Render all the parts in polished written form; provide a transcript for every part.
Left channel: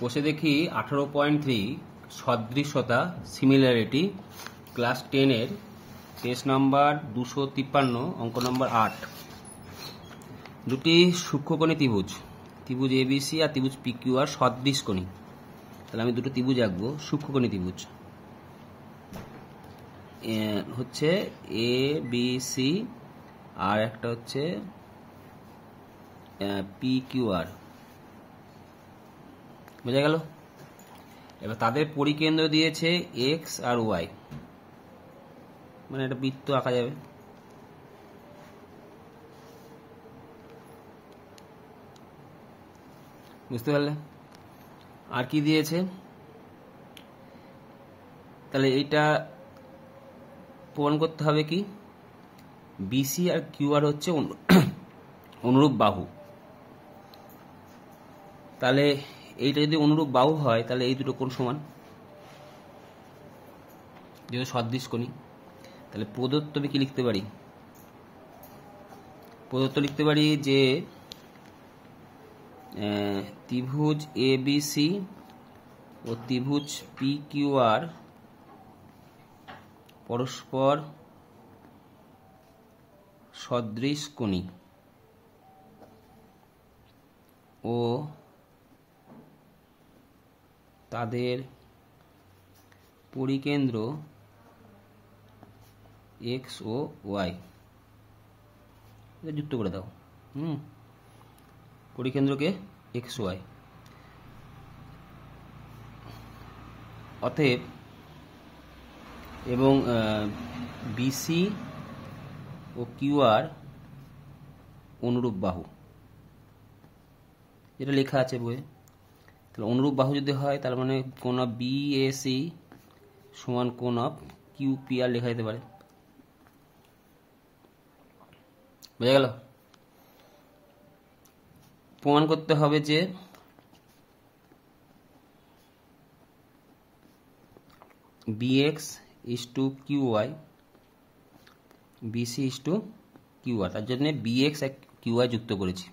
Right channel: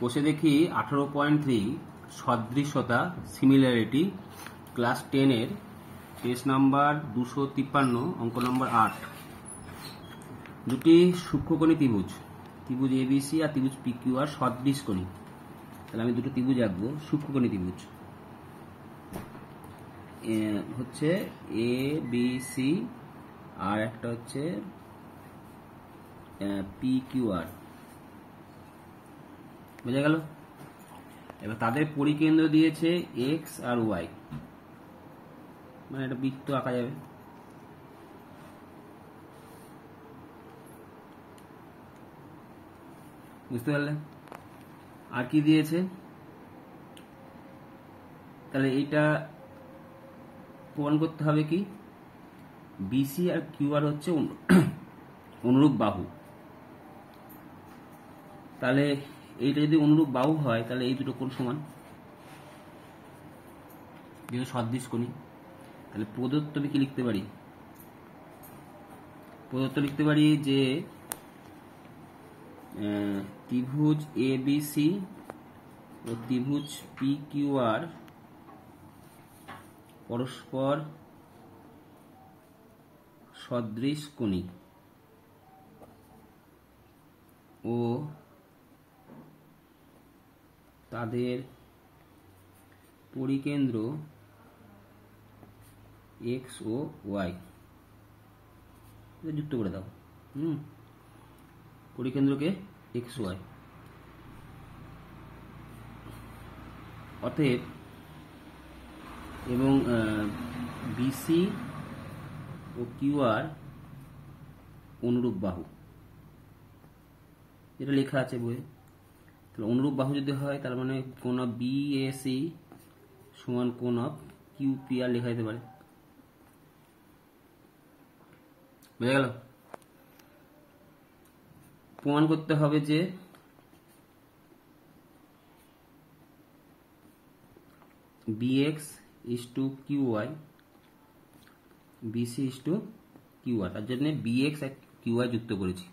কোষে দেখি 18.3 সদৃশ্যতা similarity class 10 এর পেজ নাম্বার 253 অঙ্ক নাম্বার 8 দুটি সূক্ষ্মকোণী ত্রিভুজ এবিসি আর ত্রিভুজ পিকিউআর সদৃশকোণী। তাহলে আমি দুটো ত্রিভুজ আঁকবো, সূক্ষ্মকোণী ত্রিভুজ হচ্ছে এ বি সি আর একটা হচ্ছে পিকিউআর। বুঝা গেল? এবার তাদের পরিকেন্দ্র দিয়েছে এক্স আর ওয়াই, মানে একটা বৃত্ত আঁকা যাবে। বুঝতে পারলে? আর কি দিয়েছে? তাহলে এইটা প্রমাণ করতে হবে কি বিসি আর কিউআর হচ্ছে অনুরূপ বাহু। তাহলে এইটা যদি অনুরূপ বাহু হয় তাহলে এই দুটো কোণ সমান, যেহেতু সদৃশকোণী। তাহলে প্রদত্ত আমি কি লিখতে পারি? প্রদত্ত লিখতে পারি যে ত্রিভুজ এ বি সি ও ত্রিভুজ পি কিউ আর পরস্পর সদৃশকোণী ও তাদের পরিকেন্দ্র এক্স ও ওয়াই। যুক্ত করে দাও। পরিকেন্দ্রকে এক্স ওয়াই। অতএব এবং বিসি ও কিউআর অনুরূপ বাহু, যেটা লেখা আছে বইয়ে। তাহলে অনুরূপ বাহু যদি হয় তার মানে কোণ অফ বিএসি সমান কোণ অফ কিউপিআর লেখা যেতে পারে। বুঝা গেল? প্রমাণ করতে হবে যে bx is to qy, bc is to qr। তার জন্য bx আর qy যুক্ত করেছি।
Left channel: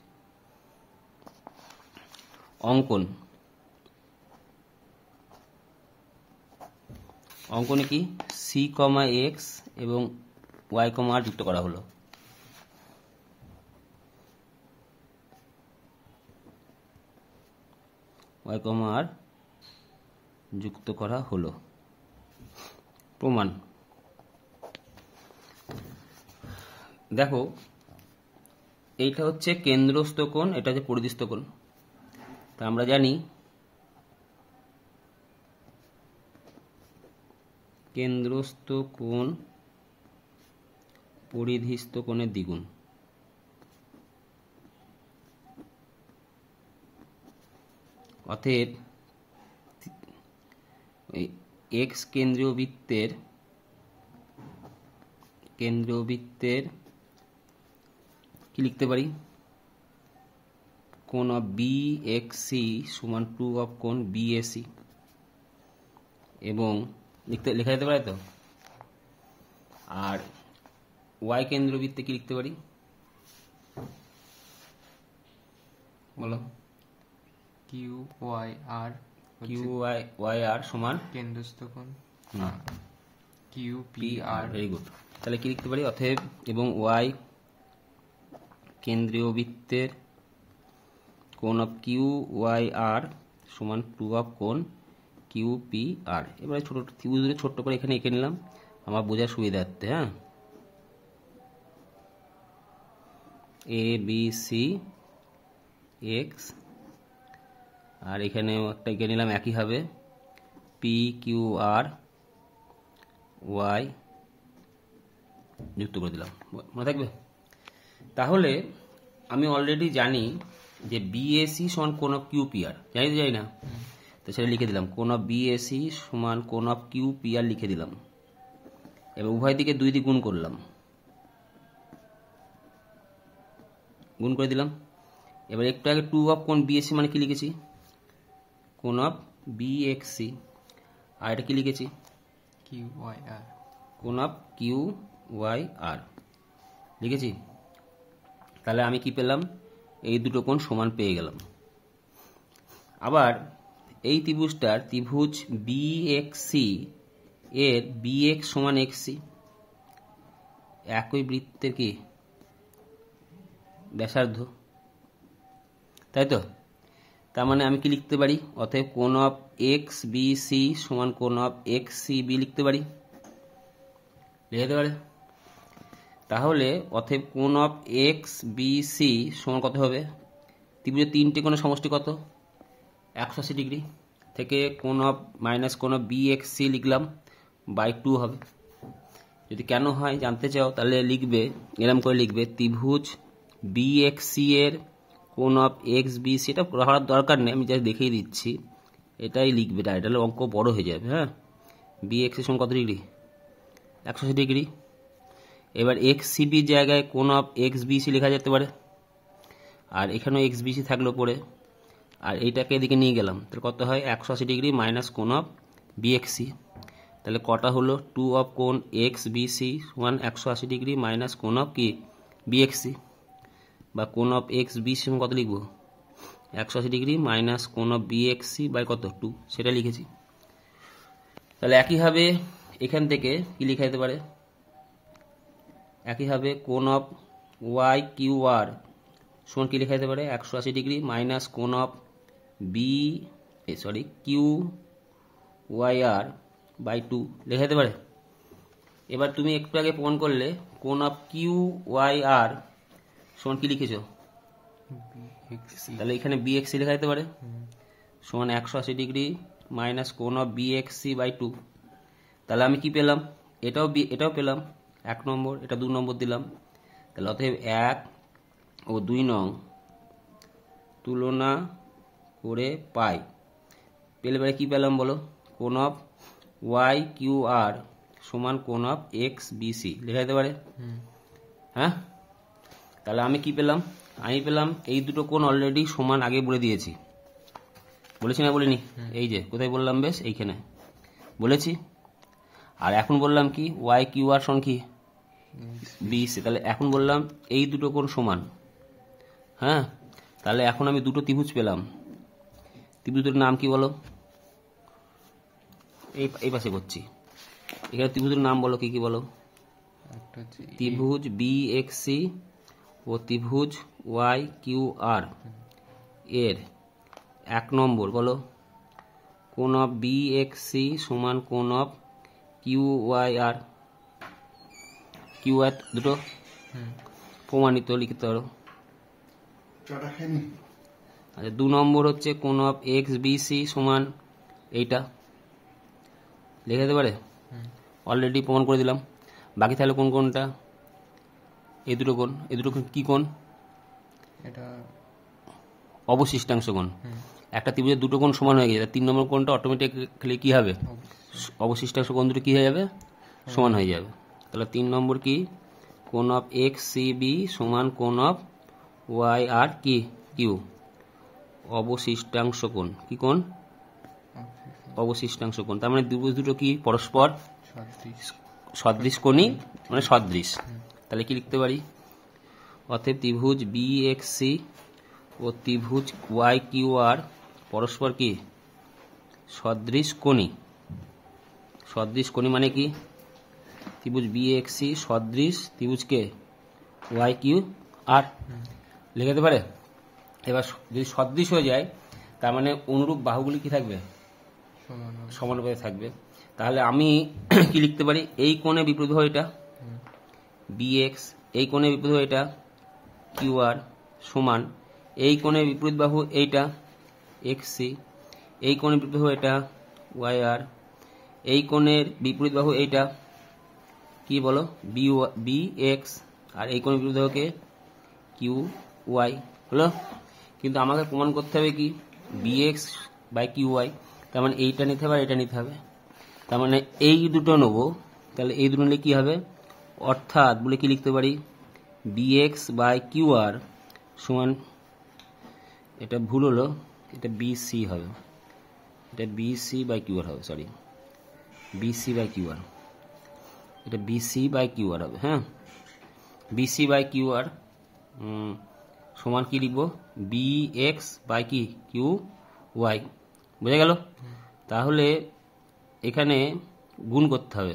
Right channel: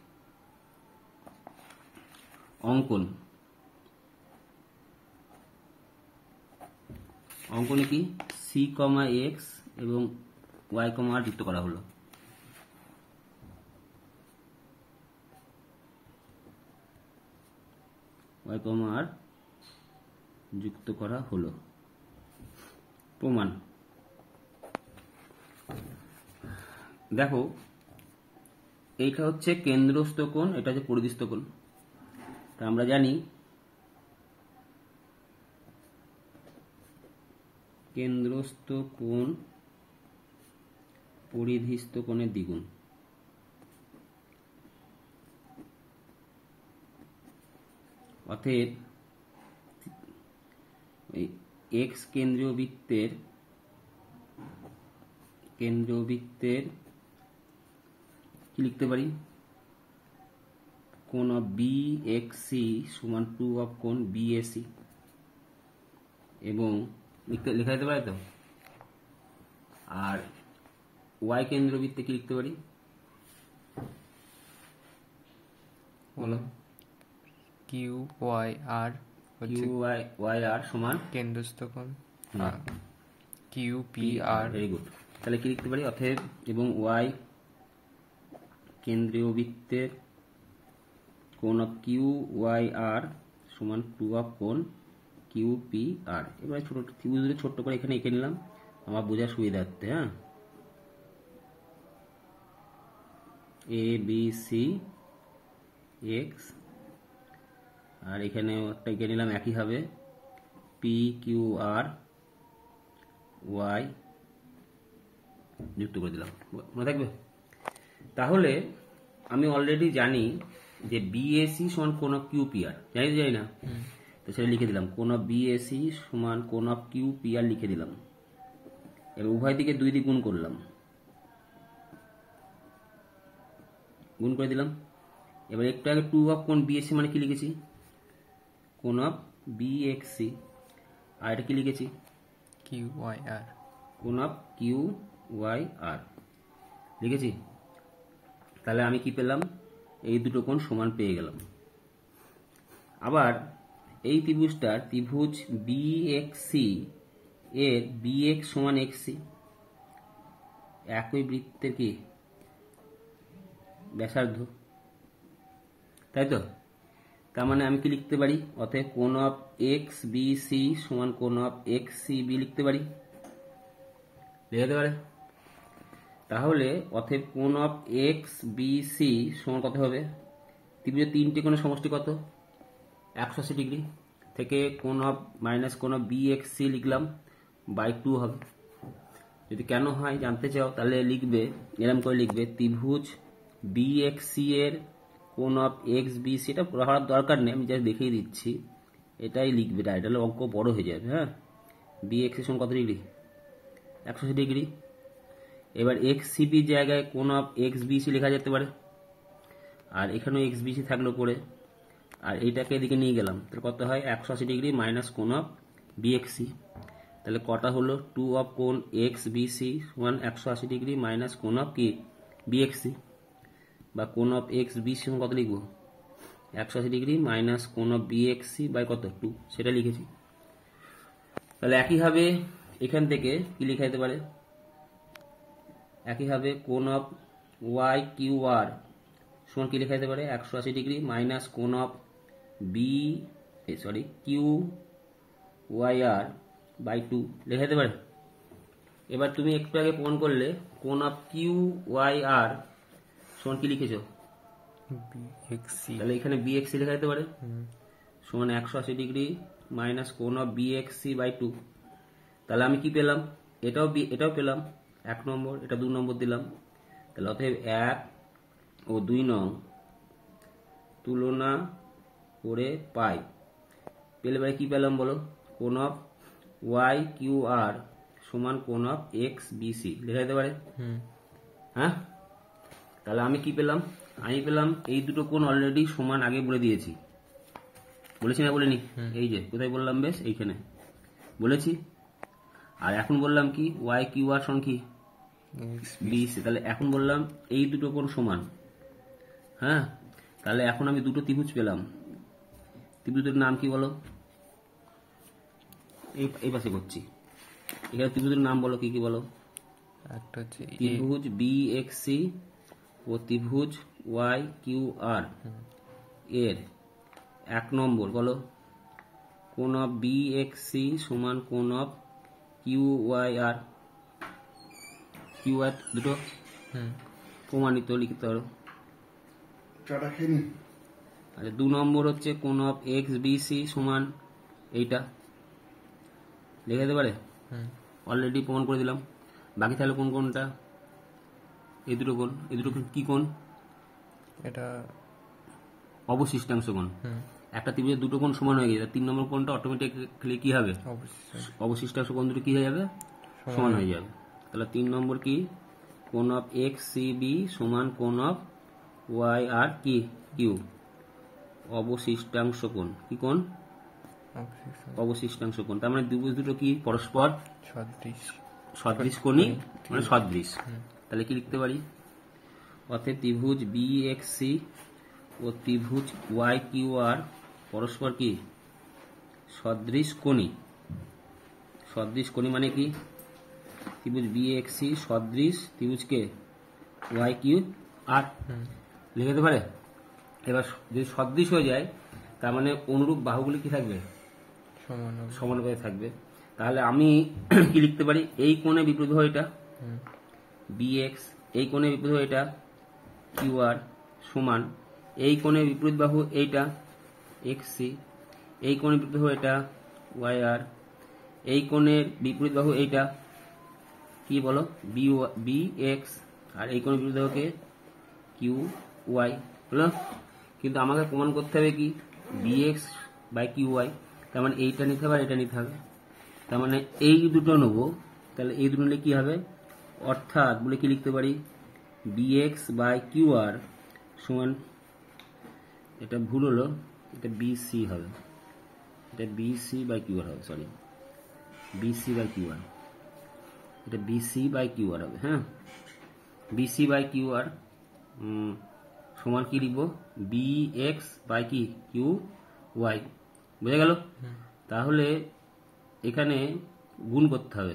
অঙ্কনে কি c, x এবং y, r যুক্ত করা হলো। y, r যুক্ত করা হলো। প্রমাণ দেখো, এইটা হচ্ছে কেন্দ্রস্থ কোণ, এটা হচ্ছে পরিধিস্থ কোণ। তা আমরা জানি কেন্দ্রস্থ কোণ পরিধিস্থ কোণের দ্বিগুণ। অতএব এক্স কেন্দ্রীয় বৃত্তের কি লিখতে পারি? কোণ অফ বিএক্সি সমান 2 অফ কোণ বিএসি। এবং লেখা যেতে পারে তো। আর ওয়াই কেন্দ্রীয় বৃত্তে কি লিখতে পারি বলো? কিউ ওয়াই আর সমান কেন্দ্রস্থ কোণ Q P R. Very good. তাহলে কি লিখতে পারি? অতএব এবং ওয়াই কেন্দ্রীয় বৃত্তের কোণ অফ কিউ ওয়াই আর সমান 2 অফ কোণ কিউ পি আর। এবারে ছোট ত্রিভুজ ছোট্ট করে এখানে এঁকে নিলাম আমার বোঝার সুবিধার্থে। হ্যাঁ, এ বি সি এক্স আর এখানে একটা এঁকে নিলাম একই হবে পি কিউ আর ওয়াই যুক্ত করে দিলাম। মনে থাকবে? তাহলে আমি অলরেডি জানি যে বিএসি সমান কোণ অফ কিউপিআর, জানি না? তো সেটা লিখে দিলাম, কোণ অফ বিএসি সমান কোণ অফ কিউপিআর লিখে দিলাম। এবার উভয় দিকে 2 দিয়ে গুণ করলাম, গুণ করে দিলাম। এবার একটু আগে 2 অফ কোণ বিএসি মানে কি লিখেছি? কোণ অফ বিএক্সি। আর এটা কি লিখেছি? কিউ ওয়াই আর। কোণ অফ কিউ ওয়াই আর লিখেছি। তাহলে আমি কি পেলাম? এই দুটো কোণ সমান পেয়ে গেলাম। আবার এই ত্রিভুজটার ত্রিভুজ বিএক্সি এর বিএক্স সমান এক্সি, একই বৃত্তের কি ব্যাসার্ধ, তাই তো? তার মানে আমি কি লিখতে পারি? অতএব কোণ অফ এক্স বি সি সমান কোণ অফ এক্স সি বি লিখতে পারি, লিখতে পারে। তাহলে অতএব কোণ অফ এক্স বি সি সমান কত হবে? ত্রিভুজের তিনটে কোণের সমষ্টি কত? 180 ডিগ্রি। থেকে কোণ অফ মাইনাস কোণ অফ বি এক্স সি লিখলাম বাই 2 হবে। যদি কেন হয় জানতে চাও তাহলে লিখবে, এরকম করে লিখবে, ত্রিভুজ বি এক্স সি এর কোণ অফ এক্স বি সি, এটা পড়ার দরকার নেই, আমি যা দেখিয়ে দিচ্ছি, এটাই লিখবে ডাইরেক্ট, তাহলে অঙ্ক বড় হয়ে যাবে। হ্যাঁ, বি এক্স এর সমান কত ডিগ্রি? 180 ডিগ্রি। এবার এক্স সি বির জায়গায় কোণ অফ এক্স বি সি লেখা যেতে পারে, আর এখানেও এক্স বি সি থাকলো পরে, আর এইটাকে এদিকে নিয়ে গেলাম, তাহলে কত হয়? 180 ডিগ্রি মাইনাস কোণ অফ বি এক্স সি। তাহলে কটা হলো? 2 অফ কোণ এক্স বি সি সমান 180 ডিগ্রি মাইনাস কোণ অফ কি বি এক্স সি, বা কোণ অফ এক্স বি সি কত লিখবো? 180 ডিগ্রি মাইনাস কোণ of B X C by কত? 2, সেটা লিখেছি। তাহলে একইভাবে এখান থেকে কি লেখা যেতে পারে? একইভাবে কোণ অফ ওয়াই কিউ আর সমান কি লেখা যেতে পারে? 180 ডিগ্রি মাইনাস কোণ of Q Y R by 2 লেখা যেতে পারে। এবার তুমি একটু আগে প্রমাণ করলে কোণ অফ কিউ ওয়াই আর সমান কি লিখেছো? তাহলে এখানে বি এক্স সি লেখা যেতে পারে সমান 180 ডিগ্রি মাইনাস কোণ of B X C by 2। তাহলে আমি কি পেলাম? এটাও পেলাম 1 নম্বর, এটা 2 নম্বর দিলাম। তাহলে অতএব 1 ও 2 নং তুলনা করে পাই, পেলে পরে কি পেলাম বলো? কোণ অফ ওয়াই কিউ আর সমান কোণ অফ এক্স বি সি লেখা যেতে পারে। হ্যাঁ, তাহলে আমি কি পেলাম? আমি পেলাম এই দুটো কোণ অলরেডি সমান, আগে বলে দিয়েছি, বলেছি না বলিনি? এই যে কোথায় বললাম, বেশ এইখানে বলেছি। আর এখন বললাম কি? ওয়াই কিউ আর সমান কি বি সি। তাহলে এখন বললাম এই দুটো কোণ সমান। হ্যাঁ, তাহলে এখন আমি দুটো ত্রিভুজ পেলাম। ত্রিভুজের নাম কি বলো? এই পাশে করছি, এখানে ত্রিভুজের নাম বলো, কি কি বলো? একটা হচ্ছে ত্রিভুজ বি এক্স সি ও ত্রিভুজ ওয়াই কিউ আর এর 1 নম্বর বলো, কোণ অফ বি এক্স সি সমান কোণ of Q Y R. Q R দুটো প্রমাণিত, লিখতে পারো। আচ্ছা, 2 নম্বর হচ্ছে কোণ অফ এক্স বি সি সমান এইটা, লিখে দিতে পারে, অলরেডি প্রমাণ করে দিলাম। বাকি তাহলে কোন কোনটা? এই দুটো কোণ। এই দুটো কি কোণ? এটা অবশিষ্টাংশ কোণ। একটা ত্রিভুজের দুটো কোণ সমান হয়ে গেছে, 3 নম্বর কোণটা অটোমেটিক্যালি কি হবে? অবশিষ্টাংশ কোণ দুটো কি হয়ে যাবে? সমান হয়ে যাবে। তাহলে 3 নম্বর কি? কোণ অফ এক্স সি বি সমান কোণ অফ ওয়াই আর কি কিউ, অবশিষ্টাংশ কোণ। কি কোণ? অবশিষ্টাংশ কোণ। তার মানে ত্রিভুজ দুটো কি পরস্পর সদৃশ কোণী, মানে সদৃশ। তাহলে কি লিখতে পারি? অতএব ত্রিভুজ বি এক্স সি ও ত্রিভুজ ওয়াই কিউ আর পরস্পর কি সদৃশ কোণী। সদৃশ কোণী মানে কি? ত্রিভুজ বি এক্স সি সদৃশ ত্রিভুজকে ওয়াই কিউ আর লিখে দিতে পারে। এবার যদি সদৃশ হয়ে যায় তার মানে অনুরূপ বাহুগুলি কি থাকবে? সমানুপাতে থাকবে। তাহলে আমি কি লিখতে পারি? এই কোণে বিপরীত বাহু এটা বি এক্স, এই কোণে বিপরীত বাহু এটা কিউ আর সমান এই কোণে বিপরীত বাহু এইটা এক্স সি, এই কোণে বিপরীত বাহু এটা ওয়াই আর, এই কোণের বিপরীত বাহু এইটা কি বলো? বি এক্স, আর এই কোণের বিপরীত বাহুকে কিউ ওয়াই হলো। কিন্তু আমাকে প্রমাণ করতে হবে কি? B X by Q Y. তার মানে এইটা নিতে হবে আর এটা নিতে হবে। তার মানে এই দুটো নেবো, তাহলে এই দুটো নিলে কি হবে? অর্থাৎ বলে কি লিখতে পারি? B X by Q R সমান, এটা ভুল হলো, এটা বি সি হবে, এটা B C by Q R হবে, sorry B C by Q R, এটা B C by Q R হবে। হ্যাঁ, B C by Q R সমান কি লিখবো? বি এক্স বাই কি কিউ ওয়াই বুঝে গেল? তাহলে এখানে গুণ করতে হবে।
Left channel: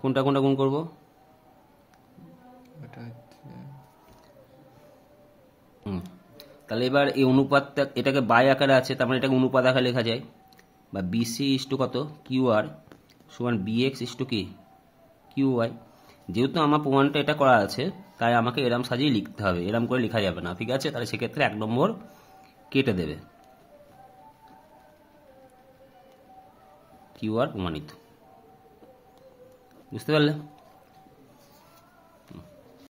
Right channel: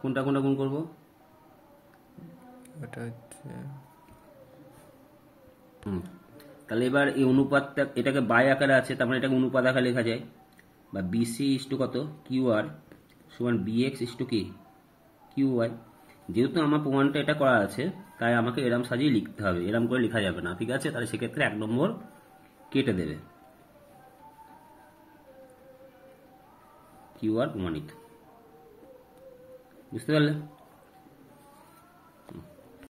কোনটা কোনটা গুণ করব? এটা হচ্ছে তাহলে এবার এই অনুপাতটা, এটাকে বাই আকারে আছে, তার মানে এটাকে অনুপাত আকারে লেখা যায়, বা বিসি ইস্টু কত কিউ আর সমান বিএক্স ইস্টু কি কিউ ওয়াই। যেহেতু আমার প্রমাণটা এটা করা আছে, তাই আমাকে এরম সাজিয়ে লিখতে হবে, এরম করে লেখা যাবে না, ঠিক আছে? তাহলে সেক্ষেত্রে 1 নম্বর কেটে দেবে। কিউ আর প্রমাণিত, বুঝতে পারলে?